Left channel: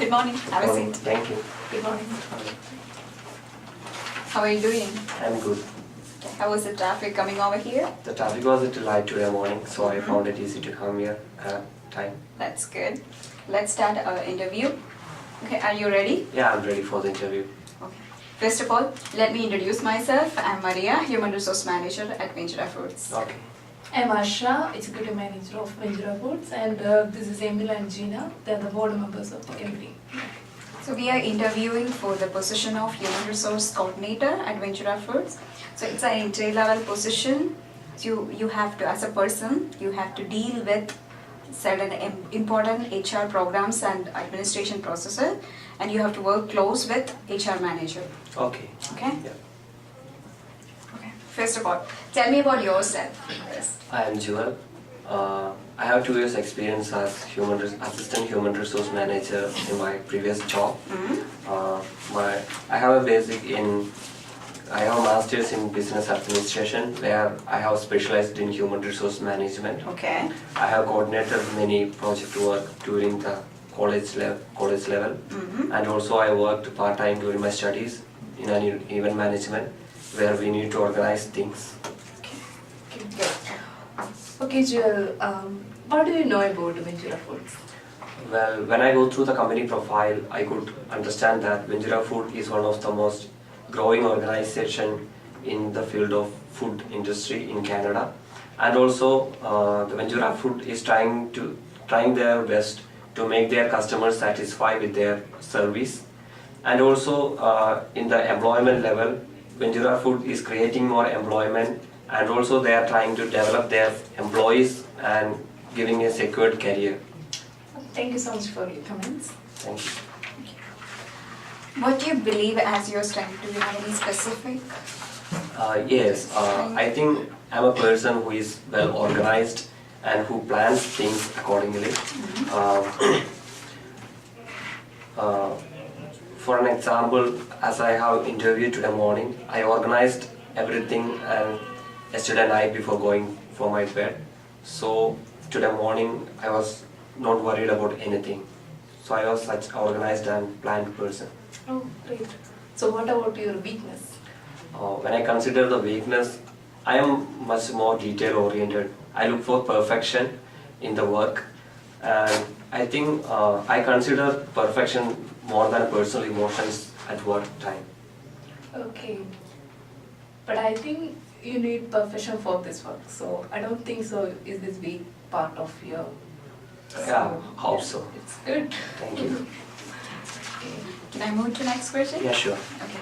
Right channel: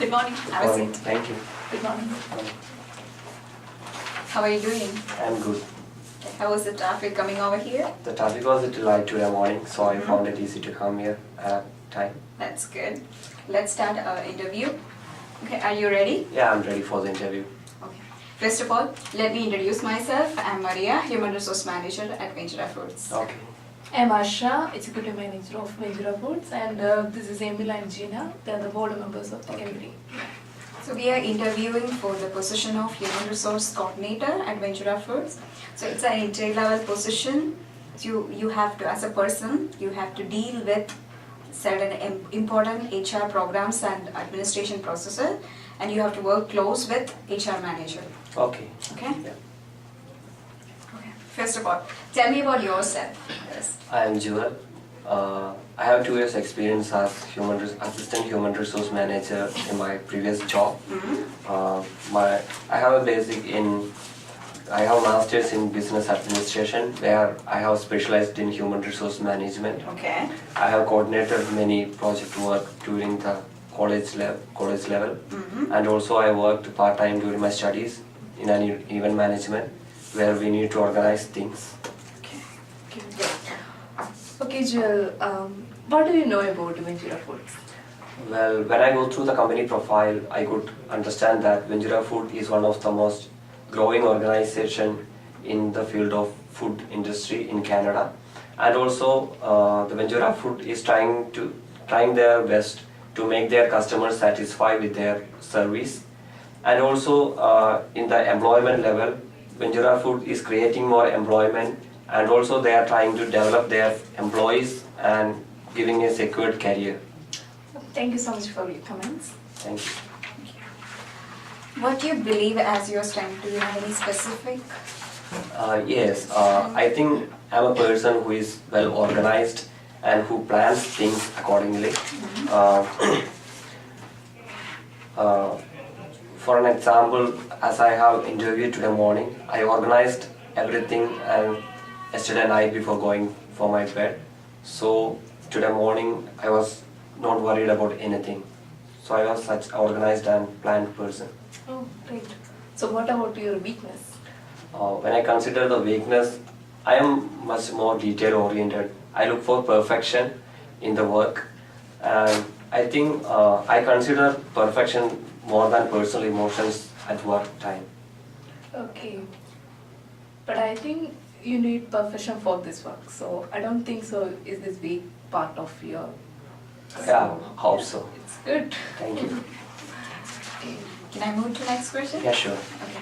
Good morning. Have a seat. Thank you. Good morning. How are you doing? I'm good. Okay. How was the traffic coming over here? The traffic was a little light today morning, so I found it easy to come here at time. That's good. Let's start our interview. Okay, are you ready? Yeah, I'm ready for the interview. Okay. First of all, let me introduce myself. I'm Maria, Human Resource Manager at Ventura Foods. Okay. I'm Asha, Executive Manager of Ventura Foods, and this is Emil and Gina. They're the board members of the committee. So we are interviewing for the position of Human Resource Coordinator at Ventura Foods. So it's an entry-level position. You have to, as a person, you have to deal with certain important HR programs and administration processes, and you have to work close with HR manager. Okay. Okay? Yeah. Okay. First of all, tell me about yourself first. I am Jewel. I have 2 years experience as assistant human resource manager in my previous job. I have a master's in business administration where I have specialized in human resource management. Okay. I have coordinated many project work during the college level, and also I worked part-time during my studies in an event management where we need to organize things. Okay, good. Okay, Joel, what do you know about Ventura Foods? Well, when I go through the company profile, I could understand that Ventura Food is one of the most growing organization in the field of food industry in Canada, and also the Ventura Food is trying their best to make their customers satisfied with their service, and also in the employment level, Ventura Food is creating more employment, and also they are trying to develop their employees and giving a secured career. Thank you so much for your comments. Thank you. What do you believe as your strength? Do you have any specific? Yes, I think I'm a person who is well organized and who plans things accordingly. For an example, as I have interviewed today morning, I organized everything and yesterday night before going for my bed. So today morning I was not worried about anything. So I was such organized and planned person. Oh, great. So what about your weakness? When I consider the weakness, I am much more detail oriented. I look for perfection in the work, and I think I consider perfection more than personal emotions at work time. Okay. But I think you need perfection for this work, so I don't think so is this weak part of your... Yeah, hope so. It's good. Thank you. Okay. Can I move to next question? Yeah, sure. Okay.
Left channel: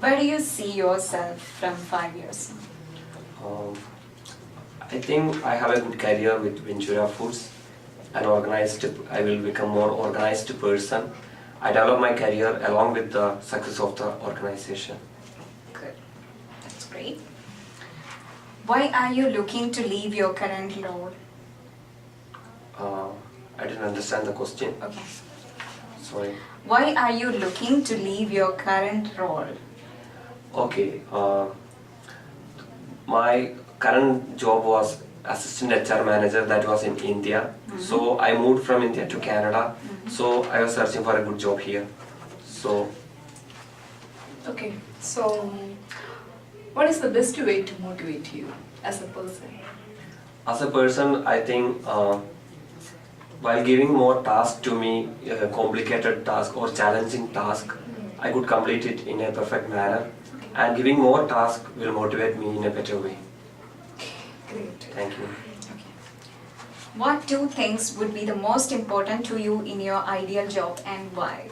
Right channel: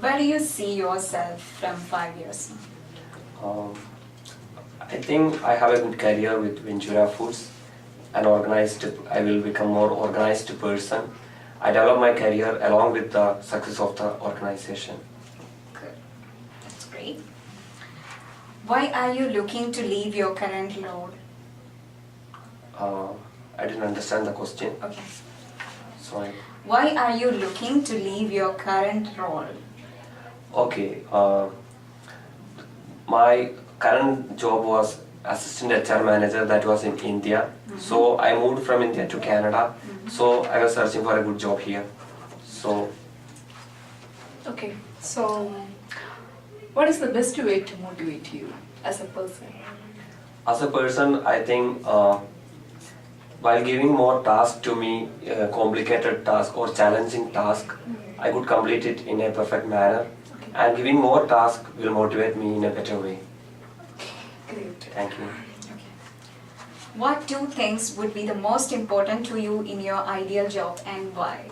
Where do you see yourself from 5 years? I think I have a good career with Ventura Foods. I will become more organized person. I develop my career along with the success of the organization. Good. That's great. Why are you looking to leave your current role? I didn't understand the question. Okay. Sorry. Why are you looking to leave your current role? Okay. My current job was assistant HR manager that was in India. So I moved from India to Canada. So I was searching for a good job here. So. Okay, so what is the best way to motivate you as a person? As a person, I think while giving more task to me, complicated task or challenging task, I could complete it in a perfect manner. And giving more task will motivate me in a better way. Great. Thank you. Okay. What 2 things would be the most important to you in your ideal job and why?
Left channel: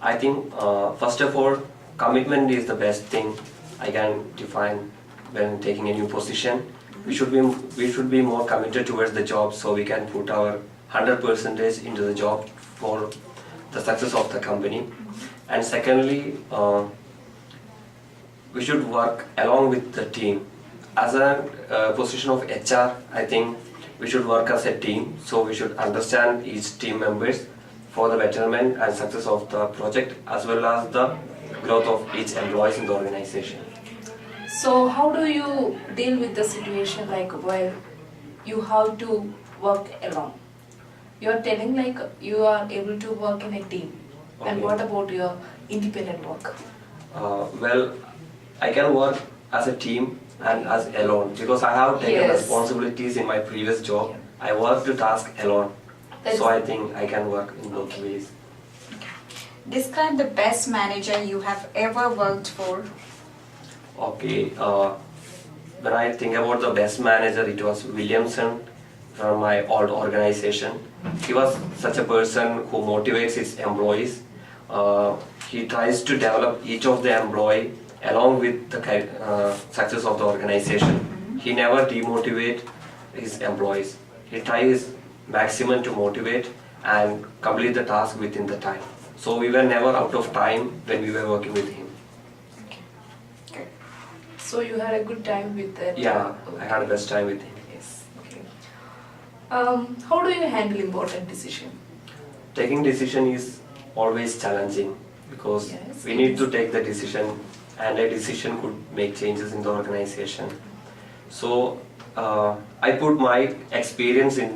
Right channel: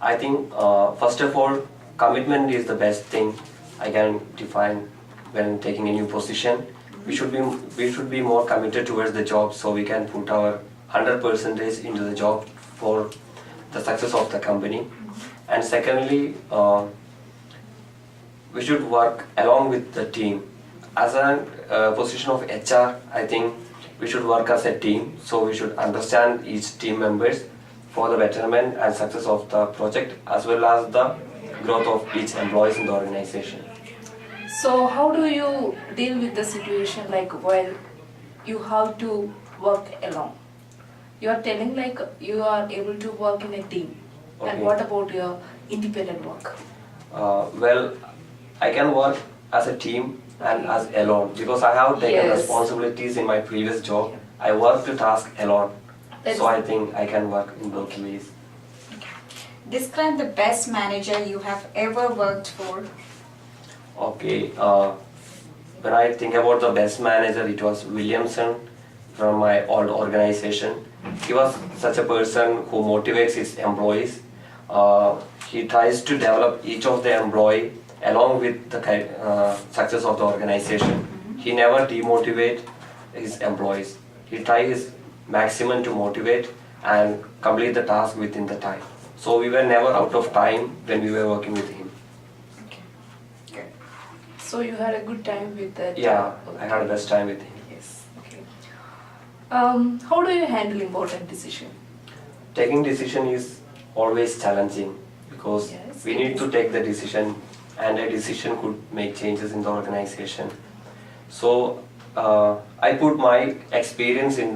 I think first of all, commitment is the best thing I can define when taking a new position. We should be more committed towards the job so we can put our 100% into the job for the success of the company. And secondly, we should work along with the team. As a position of HR, I think we should work as a team, so we should understand each team members for the betterment and success of the project as well as the growth of each employees in the organization. So how do you deal with the situation like while you have to work alone? You are telling like you are able to work in a team. Okay. And what about your independent work? Well, I can work as a team and as alone because I have taken Yes. responsibilities in my previous job. I work the task alone, That's- so I think I can work in both ways. Describe the best manager you have ever worked for. Okay, when I think about the best manager, it was Williamson from my old organization. He was such a person who motivates his employees. He tries to develop each of the employee along with the success of the organization. He never demotivate his employees. He tries his maximum to motivate and complete the task within the time. So we were never out of time when we were working with him. Okay. Good. So you had a good time with that? Yeah, I had the best time with him. Yes. Okay. How do you handle important decision? Taking decision is always challenging because Yes, we it need is. to take the decision, and a decision could make changes in the organization. So I put my experience in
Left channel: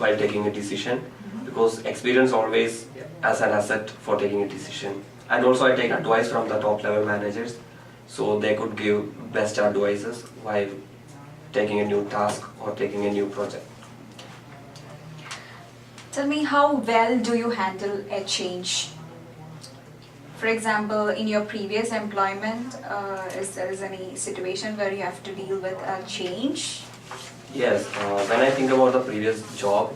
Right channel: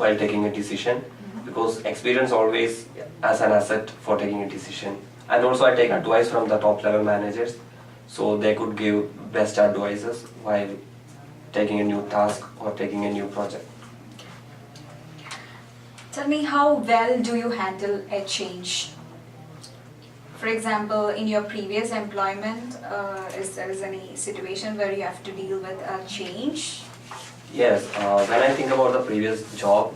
while taking a decision because experience always as an asset for taking a decision. And also I take advice from the top level managers, so they could give best advices while taking a new task or taking a new project. Tell me, how well do you handle a change? For example, in your previous employment, is there any situation where you have to deal with a change? Yes, when I think about the previous job,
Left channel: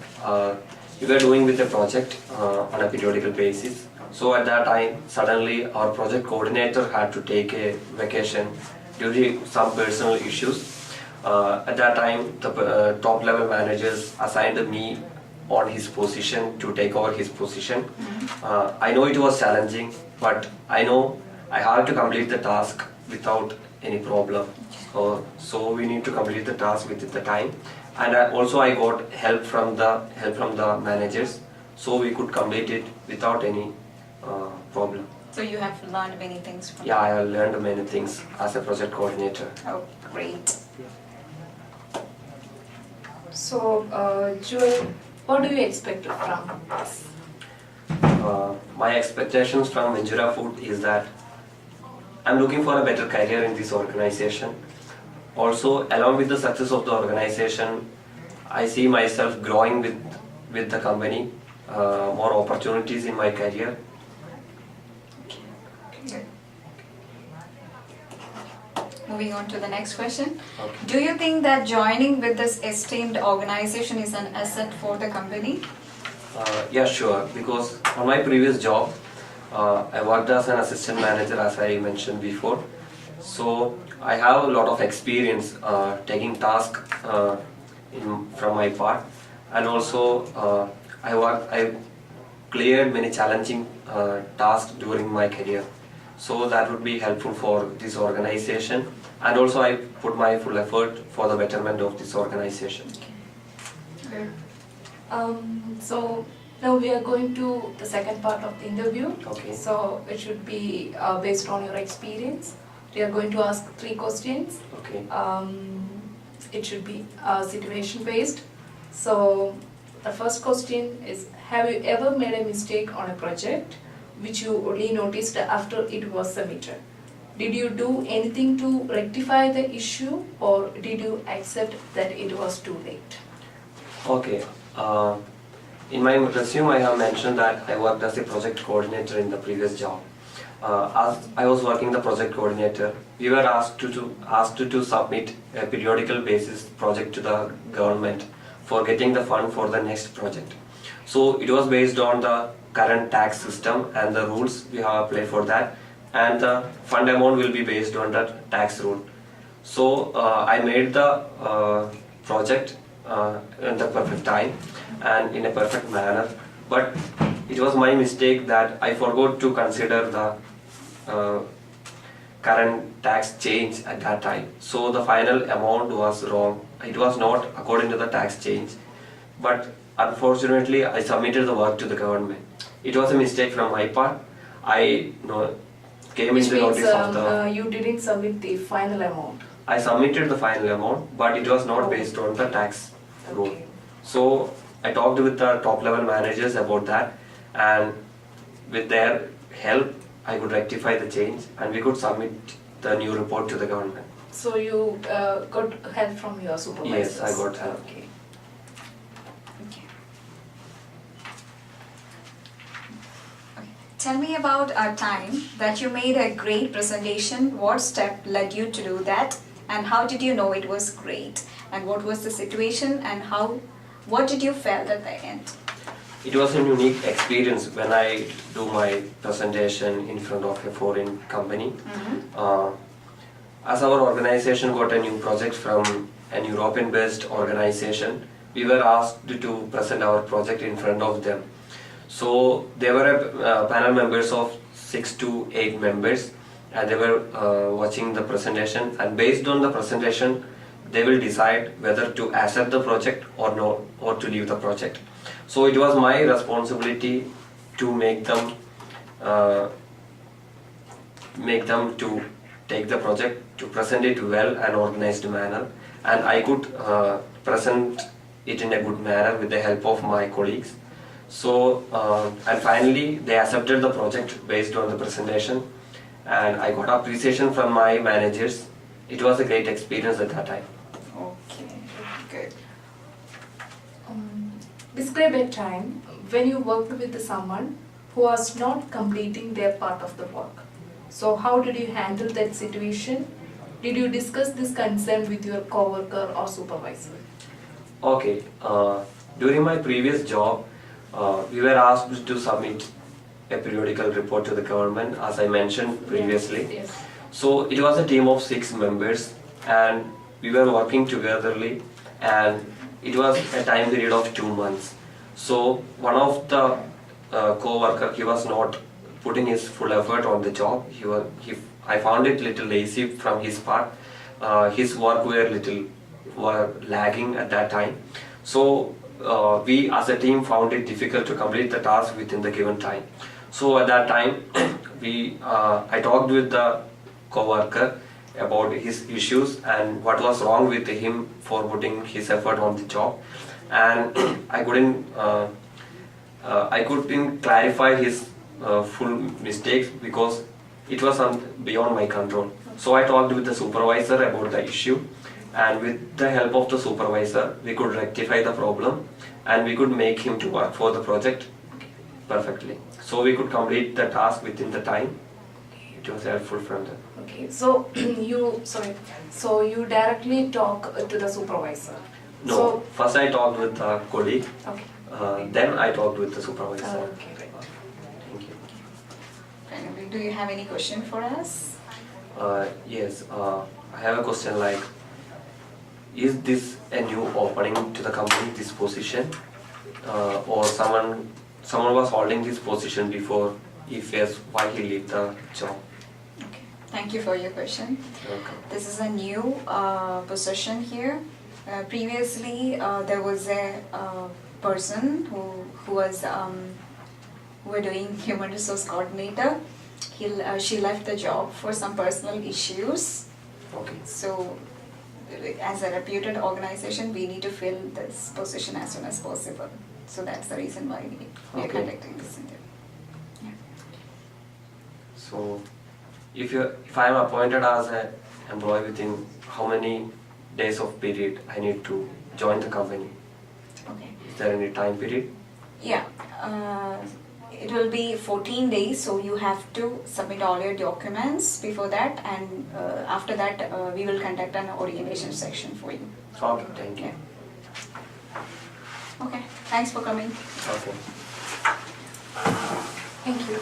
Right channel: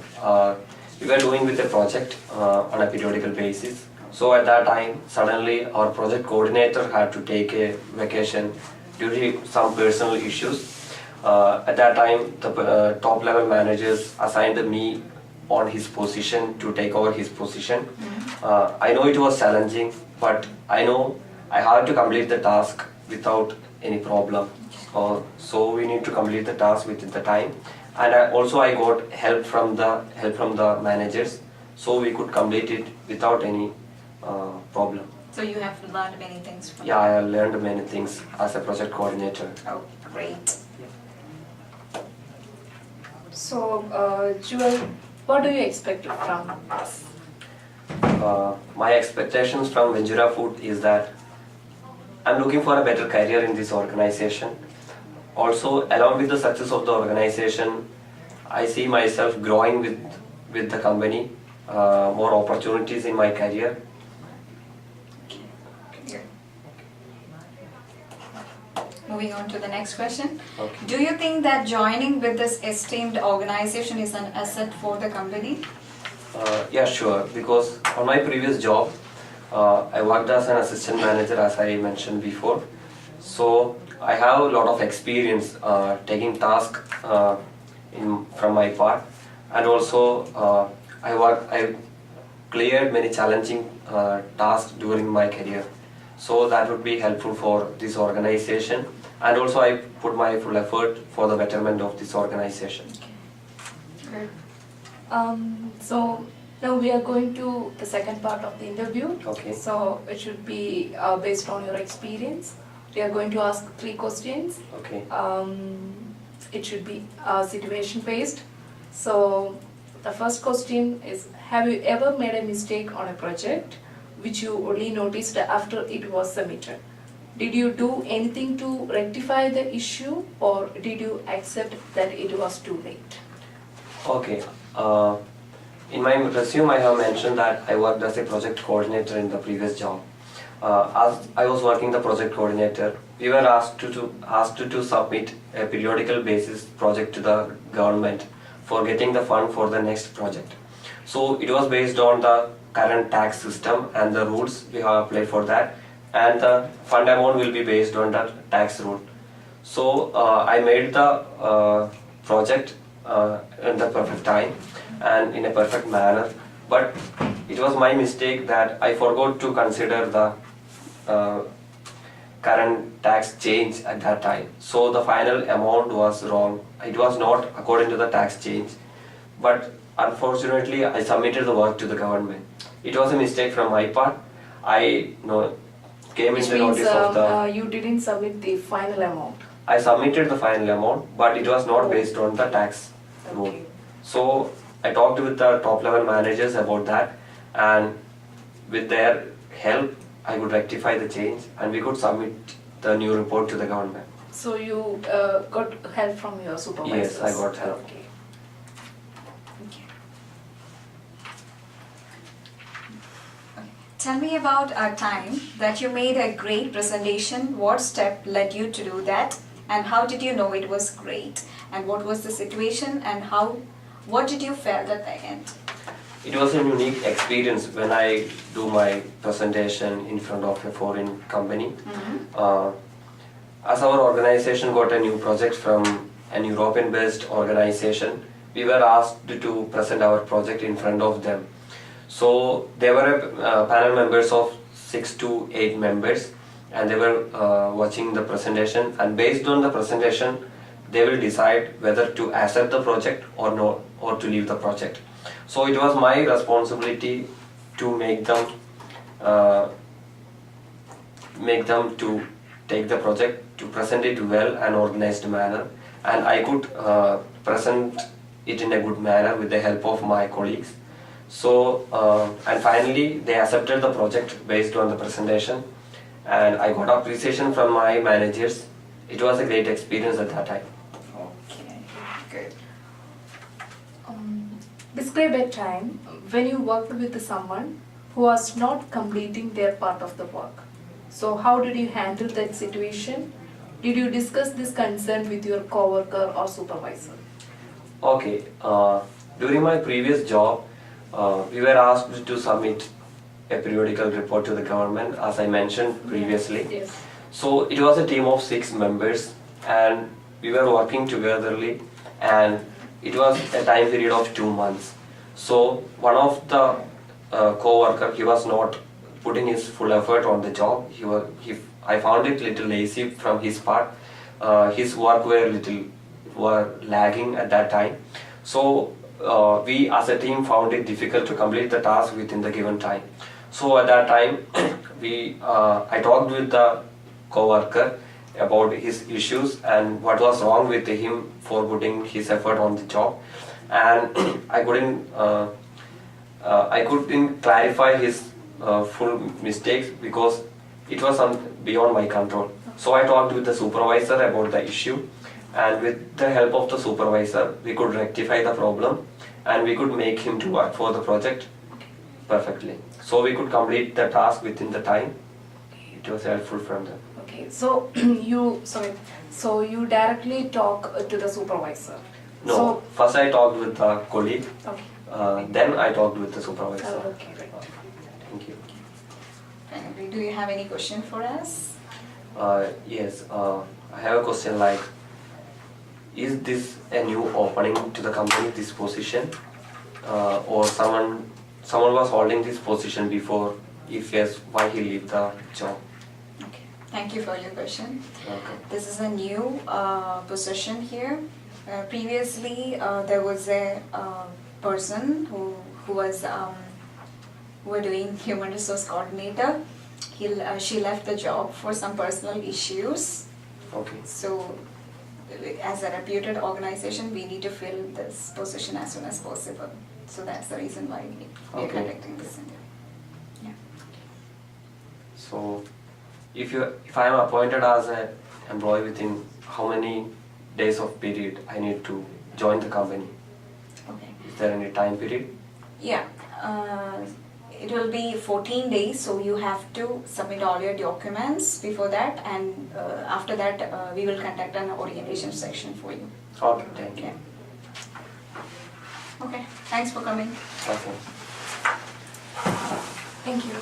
we were doing with a project on a periodical basis. So at that time, suddenly our project coordinator had to take a vacation due to some personal issues. At that time, the top level managers assigned me on his position to take over his position. I know it was challenging, but I know I had to complete the task without any problem. So we need to complete the task within the time, and I got help from the managers, so we could complete it without any problem. So you have learned many things from Yeah, I have learned many things as a project coordinator. Oh, great. So, Jewel, what do you expect from us? My expectations from Ventura Food is that I'm looking for a better career in this organization. Also, along with the success of the organization, I see myself growing with the company, more opportunities in my career. Good. Moving on to the next question. Okay. Do you think that joining with this esteemed organization is an asset for the company? Yeah, sure. Because on my previous job, I worked as an assistant manager, as I mentioned before. So I have a lot of experience taking tasks from my part, and also I cleared many challenging tasks during my career. So that would be helpful for this organization, and also I put my full effort for the betterment of this organization. Good. So now we are going to the second part of the interview. Okay. So it should be based on your experience. We are going to ask 3 questions. Okay. It should be situation based. So the first question is, have you ever made a mistake on a project which you only noticed after it was submitted? Did you do anything to rectify the issue, or did you accept that it was too late? Okay. In my resume, I have mentioned that I worked as a project coordinator in the previous job. As I was working the project coordinator, we were asked to submit a periodical basis project to the government for getting the fund for the next project. So it was based on the current tax system and the rules we have applied for that, and the fund amount will be based on that tax rule. So I made the project in the perfect time and in a perfect manner, but it was my mistake that I forgot to consider the current tax change at that time. So the final amount was wrong. It was not according to the tax change, but unfortunately I submitted the work to the government. It was a mistake from my part. I came Which in the means notice of the you didn't submit the final amount. I submitted the final amount, but it was not based on the tax rule. Okay. So I talked with the top level managers about that, and with their help, I could rectify the change and we could submit the new report to the government. So you got help from your supervisors? Yes, I got help. Okay. Okay. Okay. Tell me about a time that you made a great presentation. What step led you to do that, and how did you know it was great? And what was the situation, and what did you felt at the end? It was a unique experience when I do my presentation in front of a foreign company. As our organization got a new project from an European-based organization, we were asked to present our project in front of them. So there were a panel members of 6 to 8 members, and they were watching the presentation, and based on the presentation they will decide whether to accept the project or no, or to leave the project. So it was my responsibility to make them to take the project, to present it well and organized manner, and I could present it in a good manner with the help of my colleagues. So and finally they accepted the project based on the presentation, and I got appreciation from my managers. It was a great experience at that time. Okay, good. Describe a time when you worked with someone who was not completing their part of the work. So how did you handle that situation? Did you discuss this concern with your coworker or supervisor? Okay, during my previous job, we were asked to submit a periodical report to the government, as I mentioned previously. Yes. So it was a team of 6 members, and we were working togetherly, and it was a time period of 2 months. So one of the co-worker, he was not putting his full effort on the job. I found it little lazy from his part. His work were lagging at that time. So we as a team found it difficult to complete the task within the given time. So at that time, I talked with the co-worker about his issues and what was wrong with him for putting his effort on the job, and I couldn't clarify his full mistakes because it was beyond my control. So I talked with the supervisor about the issue, and with the help of the supervisor we could rectify the problem and we could make him to work for the project perfectly. So we could complete the task within the time. It was helpful from them. Okay, so you directly talk to the supervisor. No, So, first I talked with the colleague, okay. then I talked with the supervisor. Okay, right. Thank you. Finally, do you have any question for us? Yes, I have a question like, is this a new opening to the company, this position? Or someone was holding this position before? If yes, why he leave the job? Okay, thank you for your question. Okay. This is a new position here. Previously, there was a person who were doing human resource coordinator. She left the job for some personal issues. Okay. So, as a reputed organization, we need to fill this position as soon as possible. So that's the reason why we are Okay. conducting this interview. Yeah. So, if I am appointed as an employee, within how many days of period I need to join the company? Okay. Is there any time period? Yeah. It will be 14 days, so you have to submit all your documents before that, and after that we will conduct an orientation section for you. Okay, thank you. Yeah. Okay, thanks for coming. Okay. Thank you.